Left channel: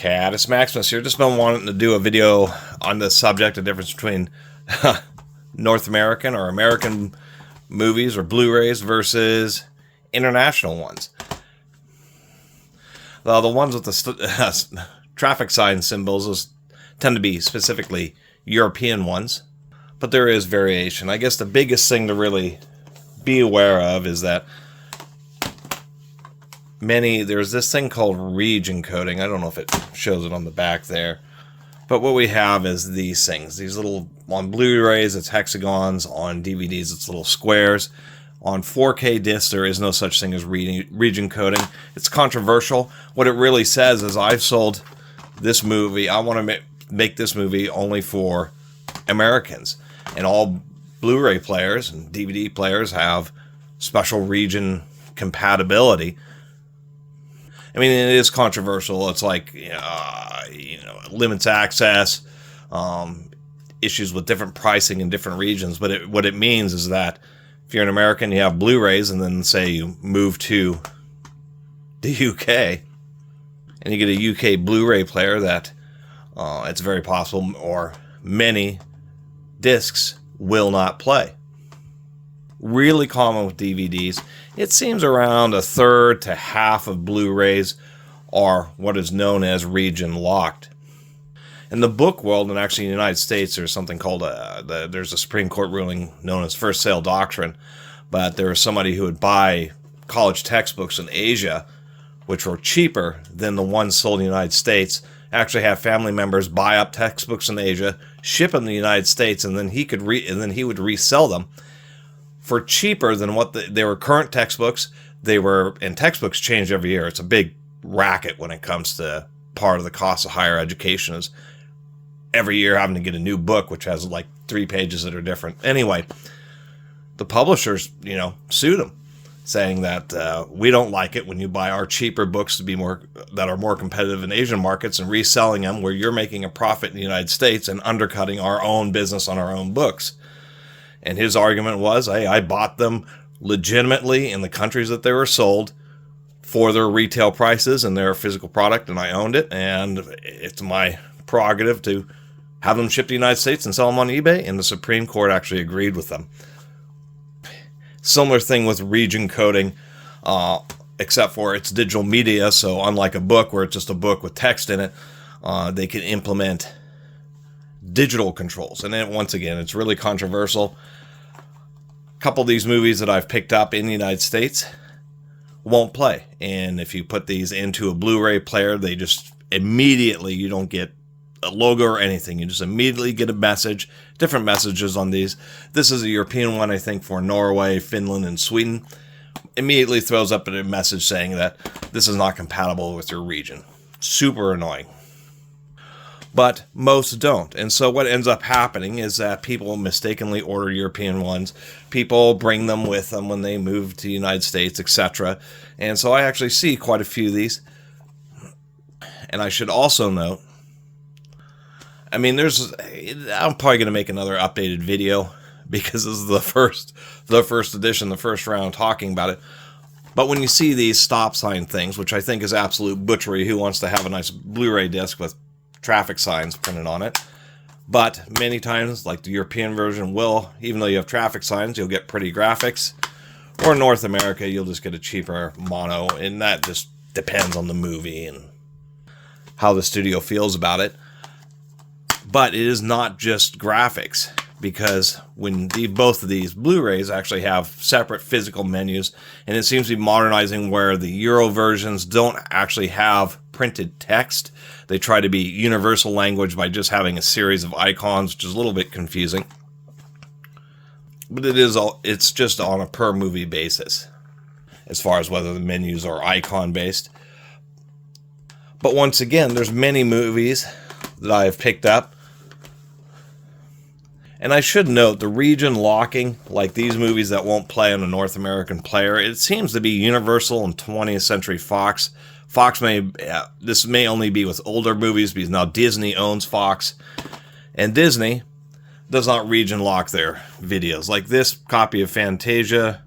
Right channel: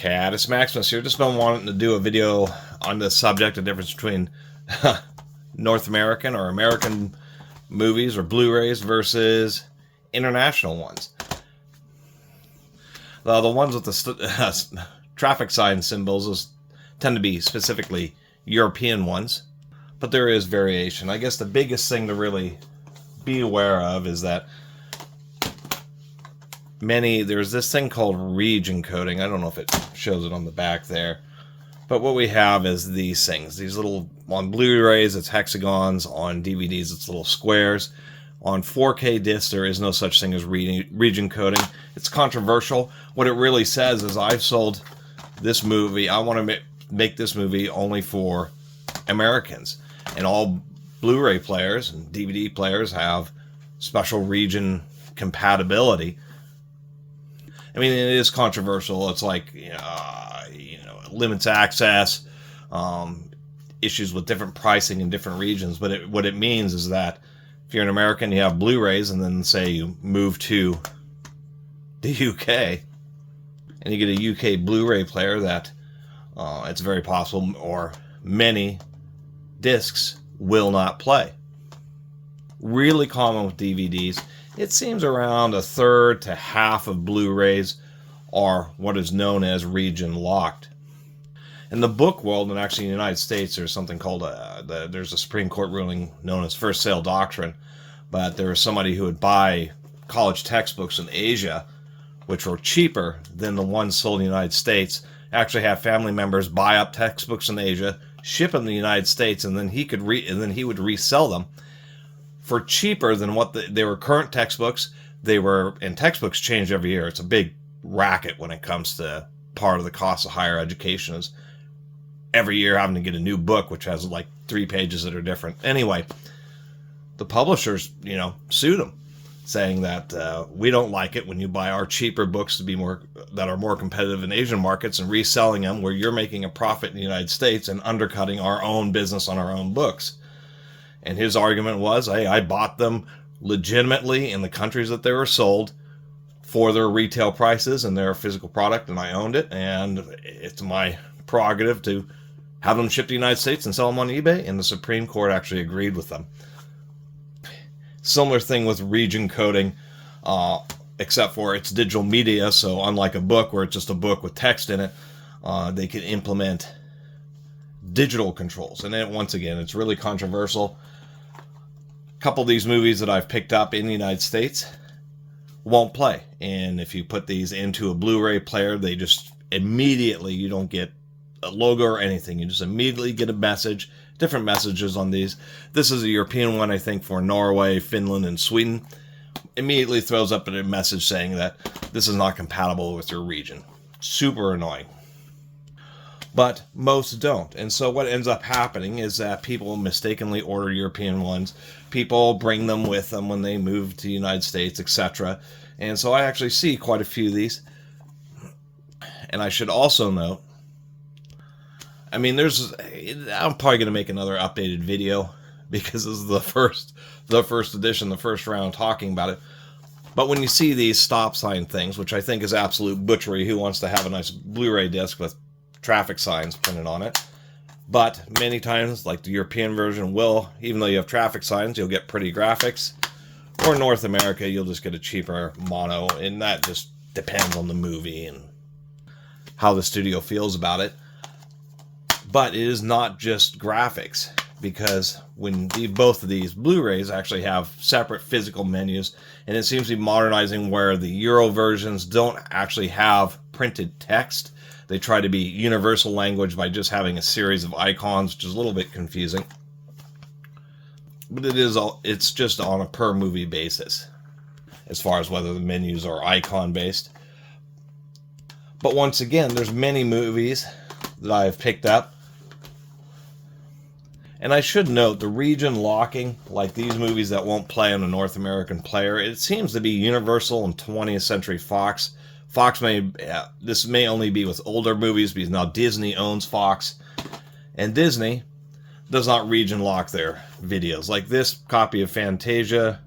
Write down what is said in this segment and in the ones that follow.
Catus Maximus here. Just been wanting to do a video on the subject, the difference between North American or American movies or Blu-rays versus international ones. The ones with the traffic sign symbols tend to be specifically European ones, but there is variation. I guess the biggest thing to really be aware of is that there's this thing called region coding. I don't know if it shows it on the back there, but what we have is these things. These little, on Blu-rays it's hexagons, on DVDs it's little squares. On 4K discs there is no such thing as region coding. It's controversial. What it really says is, I've sold this movie, I want to make this movie only for Americans, and all Blu-ray players and DVD players have special region compatibility. I mean, it is controversial. It's like, limits access, issues with different pricing in different regions. But what it means is that if you're an American, you have Blu-rays, and then say you move to the UK, and you get a UK Blu-ray player, that it's very possible, or many discs will not play. Really common with DVDs. It seems around a third to half of Blu-rays are what is known as region locked. In the book world, and actually in the United States, there's something called there's a Supreme Court ruling known as first sale doctrine. But there was somebody who would buy college textbooks in Asia, which were cheaper than the ones sold in the United States. Actually have family members buy up textbooks in Asia, ship them to the United States, and then he would resell them for cheaper than what they were current textbooks. And textbooks change every year. It's a big racket when it comes to part of the cost of higher education, is every year having to get a new book, which has like 3 pages that are different. Anyway, the publishers, sued them, saying that we don't like it when you buy our cheaper books that are more competitive in Asian markets and reselling them where you're making a profit in the United States and undercutting our own business on our own books. And his argument was, hey, I bought them legitimately in the countries that they were sold for their retail prices and their physical product, and I owned it, and it's my prerogative to have them shipped to the United States and sell them on eBay, and the Supreme Court actually agreed with them. Similar thing with region coding, except for it's digital media, so unlike a book where it's just a book with text in it, they can implement digital controls. And then once again, it's really controversial. A couple of these movies that I've picked up in the United States won't play. And if you put these into a Blu-ray player, they just immediately, you don't get a logo or anything. You just immediately get a message, different messages on these. This is a European one, I think, for Norway, Finland, and Sweden. Immediately throws up a message saying that this is not compatible with your region. Super annoying. But most don't. And so what ends up happening is that people mistakenly order European ones. People bring them with them when they move to the United States, etc. And so I actually see quite a few of these. And I should also note, I'm probably going to make another updated video because this is the first edition, the first round talking about it. But when you see these stop sign things, which I think is absolute butchery, who wants to have a nice Blu-ray disc with traffic signs printed on it? But many times, like the European version will, even though you have traffic signs, you'll get pretty graphics. Or North America, you'll just get a cheaper mono, and that just depends on the movie and how the studio feels about it. But it is not just graphics, because when both of these Blu-rays actually have separate physical menus, and it seems to be modernizing where the Euro versions don't actually have printed text. They try to be universal language by just having a series of icons, which is a little bit confusing. But it's just on a per movie basis, as far as whether the menus are icon based. But once again, there's many movies that I have picked up. And I should note, the region locking, like these movies that won't play on a North American player, it seems to be universal in 20th Century Fox. This may only be with older movies, because now Disney owns Fox. And Disney does not region lock their videos. Like this copy of Fantasia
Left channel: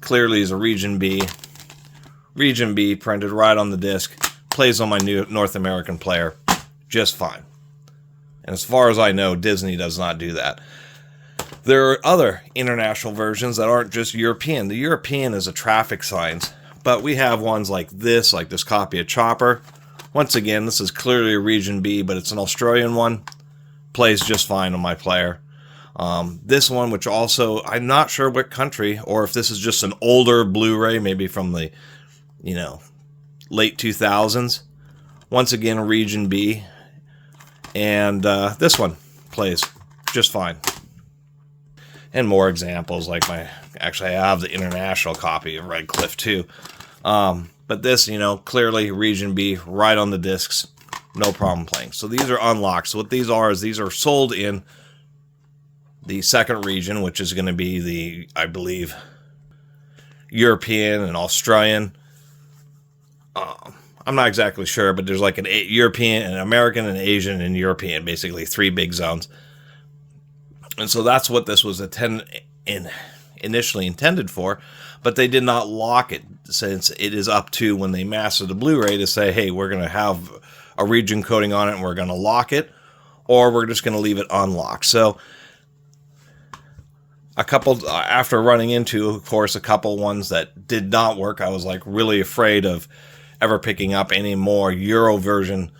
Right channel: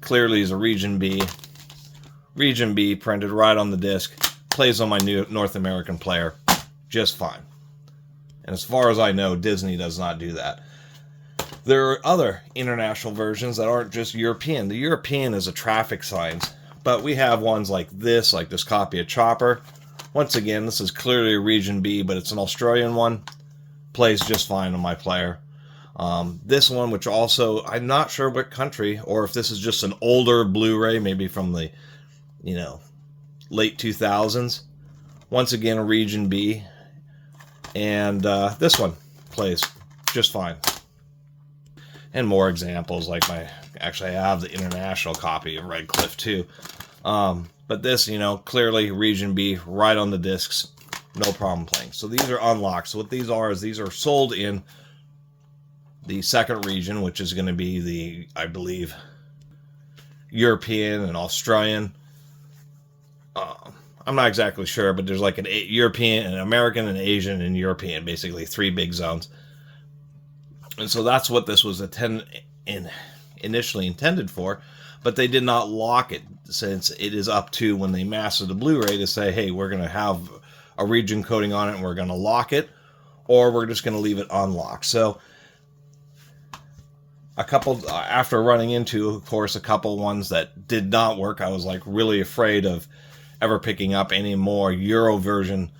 clearly is a Region B. Region B printed right on the disc. plays on my new North American player just fine. And as far as I know, Disney does not do that. There are other international versions that aren't just European. The European is a traffic signs, but we have ones like this copy of Chopper. Once again, this is clearly a Region B, but it's an Australian one. Plays just fine on my player. This one, which also, I'm not sure what country, or if this is just an older Blu-ray, maybe from the, late 2000s. Once again, a Region B. And this one plays just fine. And more examples, like actually I have the international copy of Red Cliff too. But this, clearly Region B, right on the discs, no problem playing. So these are unlocked. So what these are is these are sold in the second region, which is going to be the, I believe, European and Australian. I'm not exactly sure, but there's like an European, an American, an Asian, and European, basically 3 big zones. And so that's what this was initially intended for, but they did not lock it, since it is up to when they master the Blu-ray to say, hey, we're going to have a region coding on it and we're going to lock it, or we're just going to leave it unlocked. So after running into, of course, a couple ones that did not work, I was like really afraid of ever picking up any more Euro version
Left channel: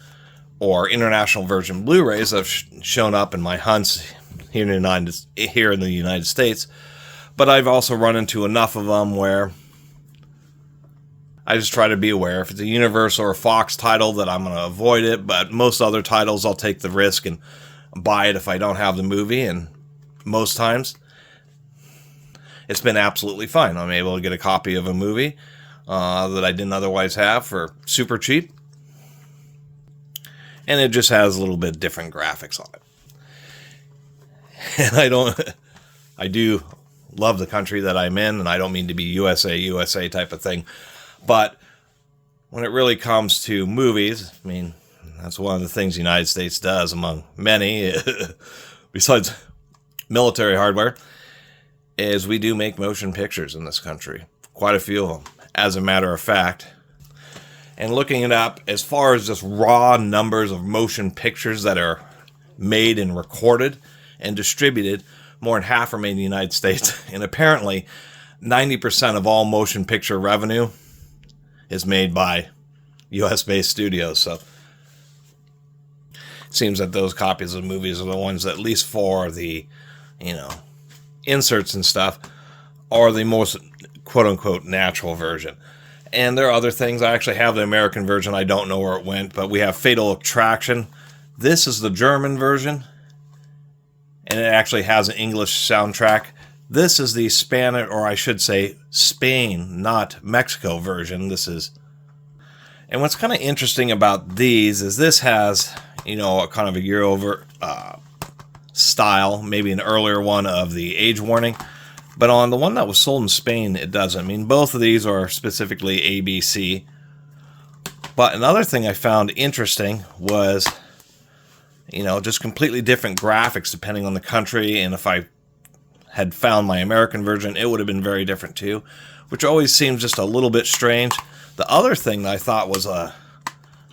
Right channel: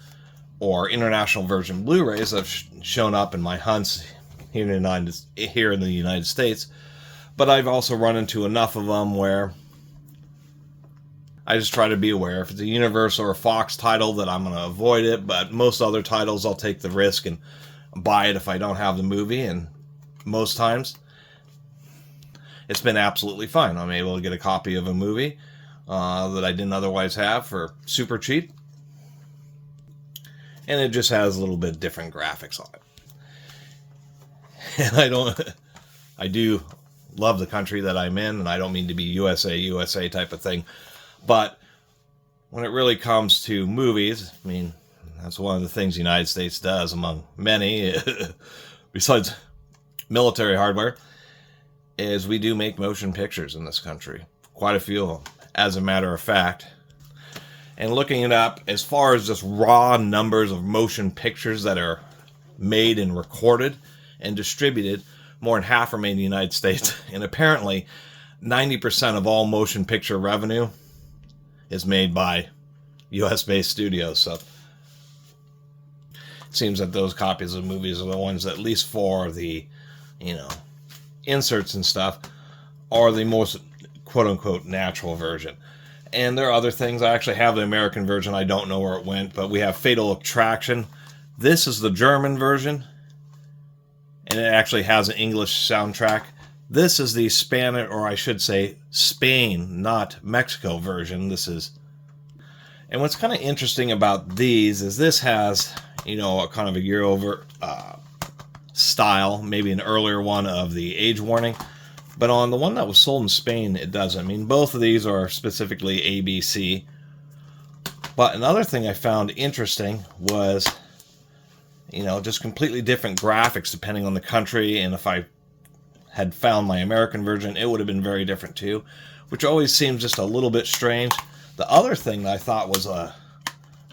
or international version Blu-rays that have shown up in my hunts here in the United States. But I've also run into enough of them where I just try to be aware. If it's a Universal or Fox title, that I'm going to avoid it. But most other titles, I'll take the risk and buy it if I don't have the movie. And most times, it's been absolutely fine. I'm able to get a copy of a movie that I didn't otherwise have for super cheap. And it just has a little bit different graphics on it. And I do love the country that I'm in, and I don't mean to be USA type of thing. But when it really comes to movies, I mean, that's one of the things the United States does, among many, besides military hardware, is we do make motion pictures in this country. Quite a few of them, as a matter of fact. And looking it up, as far as just raw numbers of motion pictures that are made and recorded and distributed, more than half are made in the United States. And apparently, 90% of all motion picture revenue is made by US-based studios. So it seems that those copies of movies are the ones that, at least for the, inserts and stuff, are the most quote-unquote natural version. And there are other things. I actually have the American version. I don't know where it went, but we have Fatal Attraction. This is the German version, and it actually has an English soundtrack. This is the Spanish, or I should say Spain, not Mexico version. And what's kind of interesting about these is this has, a kind of a year-over style, maybe an earlier one of the age warning. But on the one that was sold in Spain, it doesn't. I mean, both of these are specifically ABC. But another thing I found interesting was, just completely different graphics depending on the country. And if I had found my American version, it would have been very different too, which always seems just a little bit strange. The other thing that I thought was a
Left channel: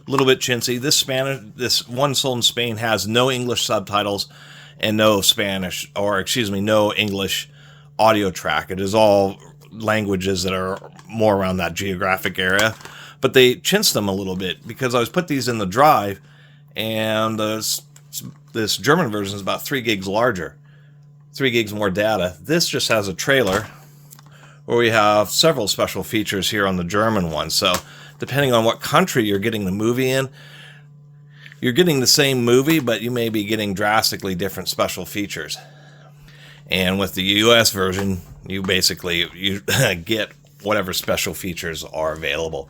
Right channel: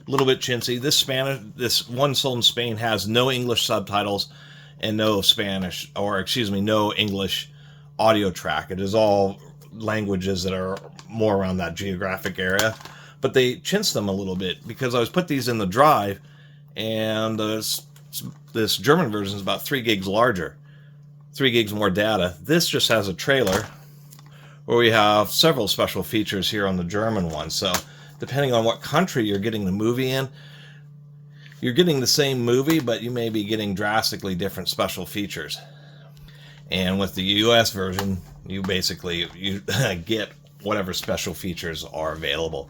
little bit chintzy, this one sold in Spain has no English subtitles and no Spanish, or no English audio track. It is all languages that are more around that geographic area, but they chinched them a little bit because I was put these in the drive, and this German version is about 3 gigs larger, 3 gigs more data. This just has a trailer where we have several special features here on the German one. So depending on what country you're getting the movie in, you're getting the same movie, but you may be getting drastically different special features. And with the US version, you get whatever special features are available.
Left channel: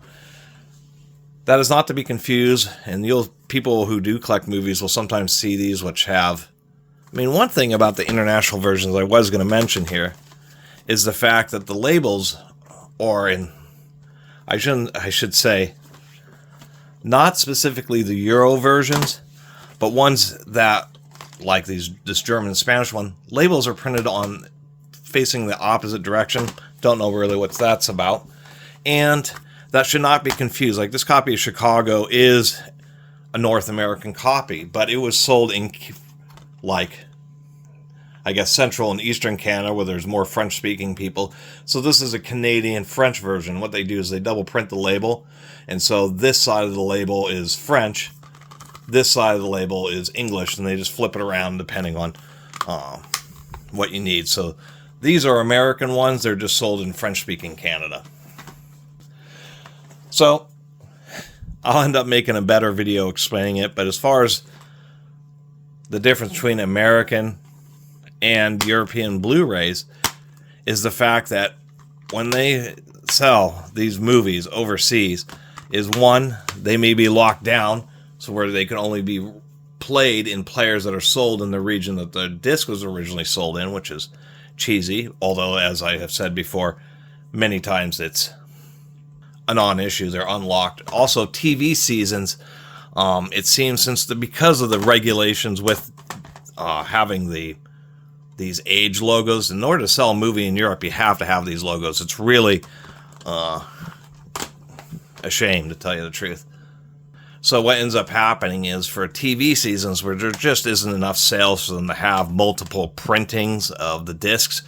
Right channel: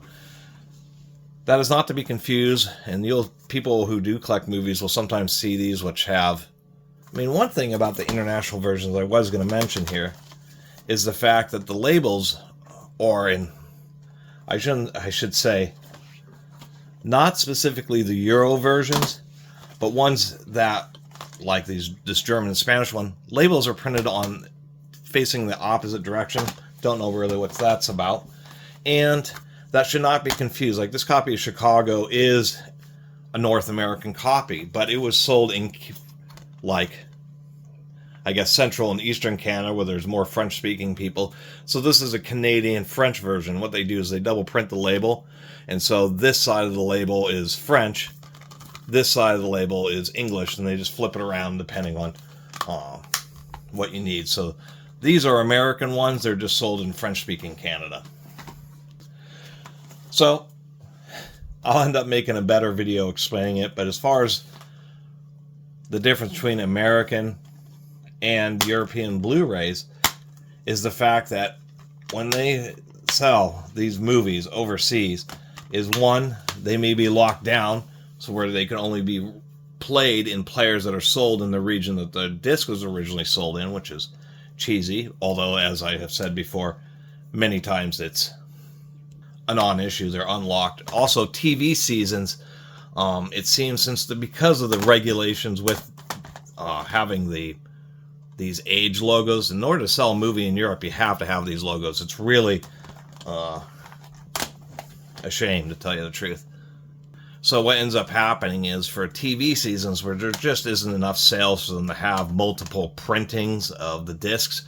That is not to be confused, and people who do collect movies will sometimes see these, which have... one thing about the international versions I was going to mention here is the fact that the labels are in... I should say, not specifically the Euro versions, but ones that, like this German and Spanish one, labels are printed on facing the opposite direction. Don't know really what that's about. And That should not be confused. Like, this copy of Chicago is a North American copy, but it was sold in, like, I guess, Central and Eastern Canada, where there's more French-speaking people. So this is a Canadian French version. What they do is they double print the label, and so this side of the label is French, this side of the label is English, and they just flip it around depending on what you need. So these are American ones. They're just sold in French-speaking Canada. So I'll end up making a better video explaining it, but as far as the difference between American and European Blu-rays is the fact that when they sell these movies overseas is, one, they may be locked down, so where they can only be played in players that are sold in the region that the disc was originally sold in, which is cheesy, although, as I have said before, many times it's a non-issue. They're unlocked. Also, TV seasons, it seems because of the regulations with having these age logos, in order to sell a movie in Europe, you have to have these logos. It's really a shame, to tell you the truth. So what ends up happening is, for TV seasons where there just isn't enough sales for them to have multiple printings of the discs,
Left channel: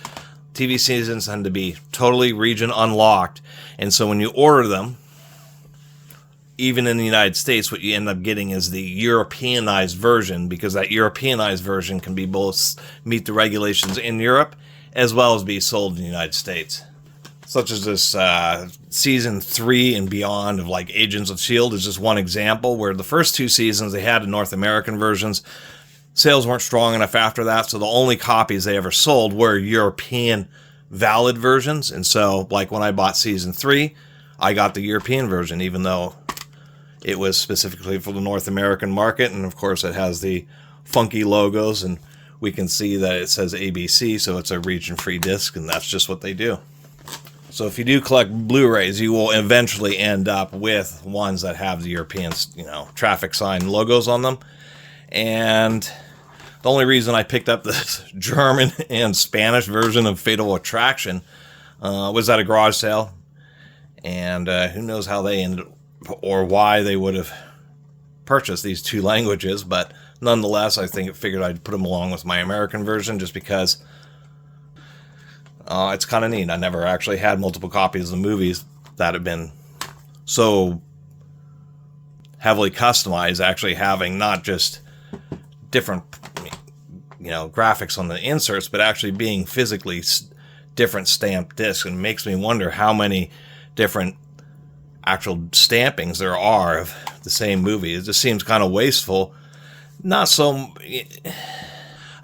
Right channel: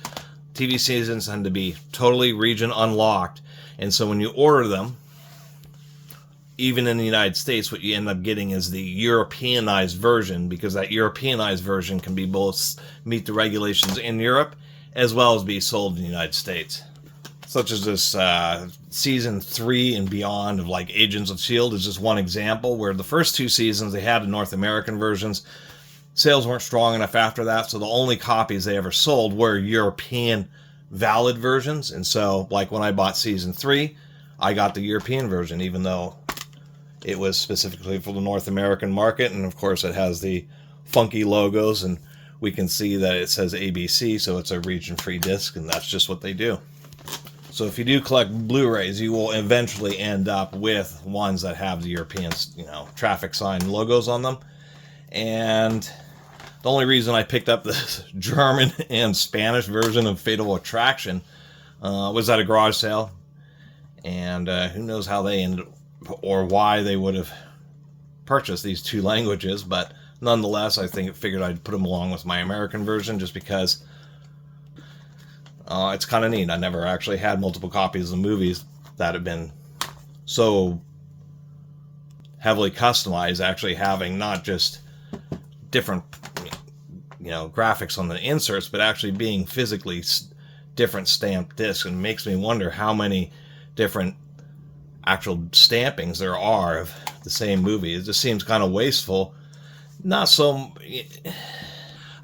TV seasons tend to be totally region unlocked. And so when you order them, even in the United States, what you end up getting is the Europeanized version, because that Europeanized version can be both meet the regulations in Europe as well as be sold in the United States. Such as this season 3 and beyond of, like, Agents of S.H.I.E.L.D. is just one example, where the first 2 seasons they had in North American versions. Sales weren't strong enough after that, so the only copies they ever sold were European valid versions. And so, like, when I bought season 3, I got the European version, even though it was specifically for the North American market. And of course it has the funky logos, and we can see that it says ABC, so it's a region-free disc, and that's just what they do. So if you do collect Blu-rays, you will eventually end up with ones that have the European, traffic sign logos on them. And the only reason I picked up this German and Spanish version of Fatal Attraction was at a garage sale. And who knows how they ended or why they would have purchased these 2 languages. But nonetheless, I figured I'd put them along with my American version, just because it's kind of neat. I never actually had multiple copies of movies that have been so heavily customized, actually having not just different, graphics on the inserts, but actually being physically different stamped discs. And it makes me wonder how many different actual stampings there are of the same movie. It just seems kind of wasteful. Not so...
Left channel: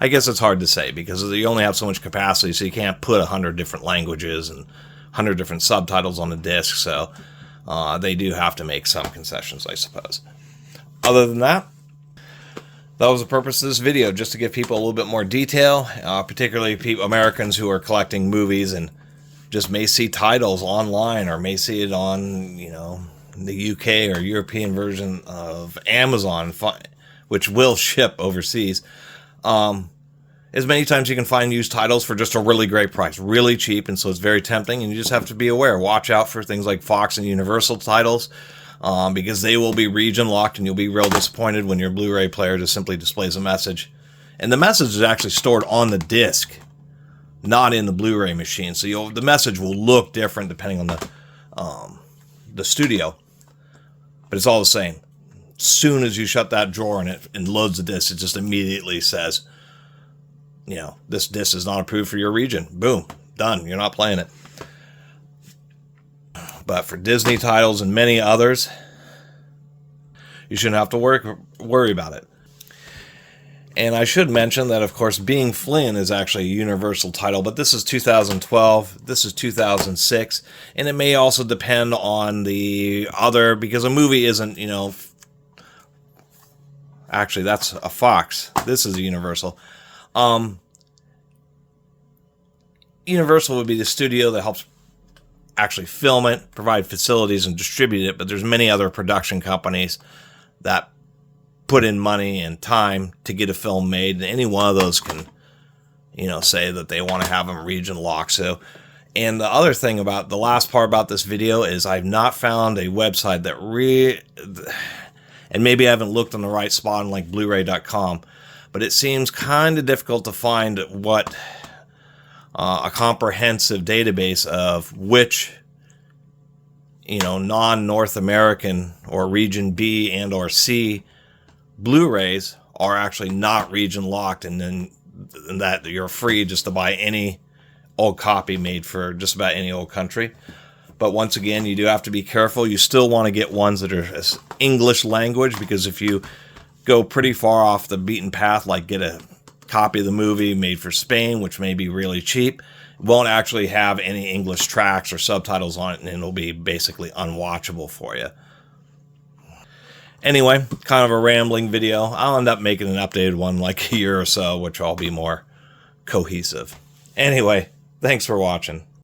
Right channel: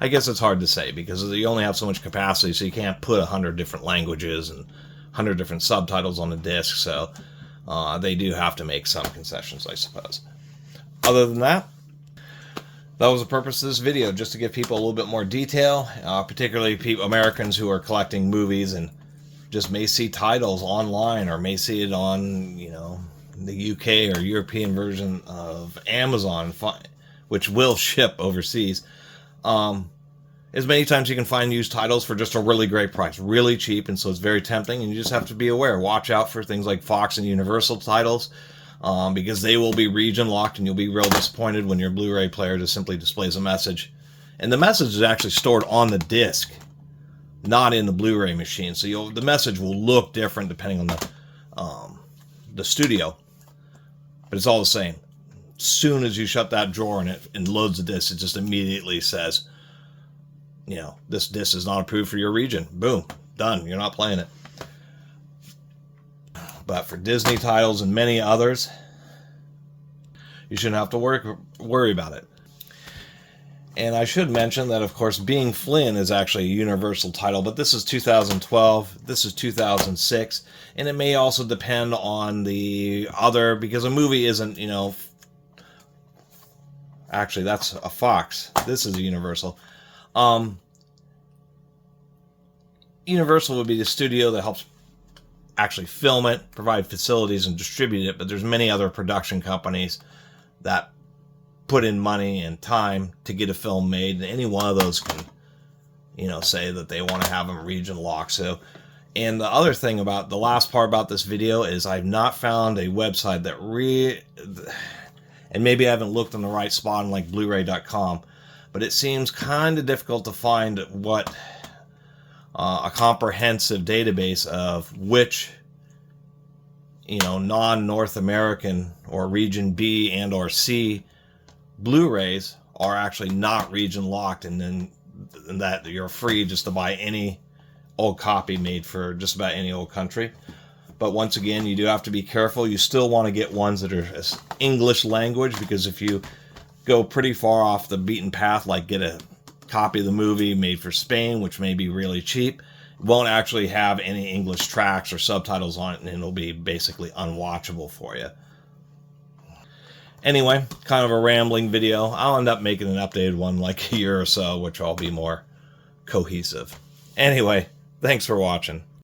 I guess it's hard to say, because you only have so much capacity, so you can't put 100 different languages and 100 different subtitles on the disc, so they do have to make some concessions, I suppose. Other than that, that was the purpose of this video, just to give people a little bit more detail, particularly Americans who are collecting movies and just may see titles online, or may see it on, the UK or European version of Amazon, which will ship overseas. As many times you can find used titles for just a really great price, really cheap, and so it's very tempting, and you just have to be aware. Watch out for things like Fox and Universal titles, because they will be region locked, and you'll be real disappointed when your Blu-ray player just simply displays a message. And the message is actually stored on the disc, not in the Blu-ray machine, so the message will look different depending on the studio, but it's all the same. As soon as you shut that drawer and loads the disc, it just immediately says, this disc is not approved for your region. Boom, done. You're not playing it. But for Disney titles and many others, you shouldn't have to worry about it. And I should mention that, of course, Being Flynn is actually a Universal title, but this is 2012, this is 2006, and it may also depend on the other, because a movie isn't, actually, that's a Fox. This is a Universal. Universal would be the studio that helps actually film it, provide facilities, and distribute it, but there's many other production companies that put in money and time to get a film made, and any one of those can, say that they want to have them region locked. So And the other thing about the last part about this video is I've not found a website that and maybe I haven't looked on the right spot on like bluray.com, but it seems kind of difficult to find what a comprehensive database of which, you know, non-North American or region B and or C Blu-rays are actually not region locked, and then that you're free just to buy any old copy made for just about any old country. But once again, you do have to be careful. You still want to get ones that are English language, because if you go pretty far off the beaten path, like get a copy of the movie made for Spain, which may be really cheap, it won't actually have any English tracks or subtitles on it, and it'll be basically unwatchable for you. Anyway, kind of a rambling video. I'll end up making an updated one like a year or so, which will be more cohesive. Anyway, thanks for watching.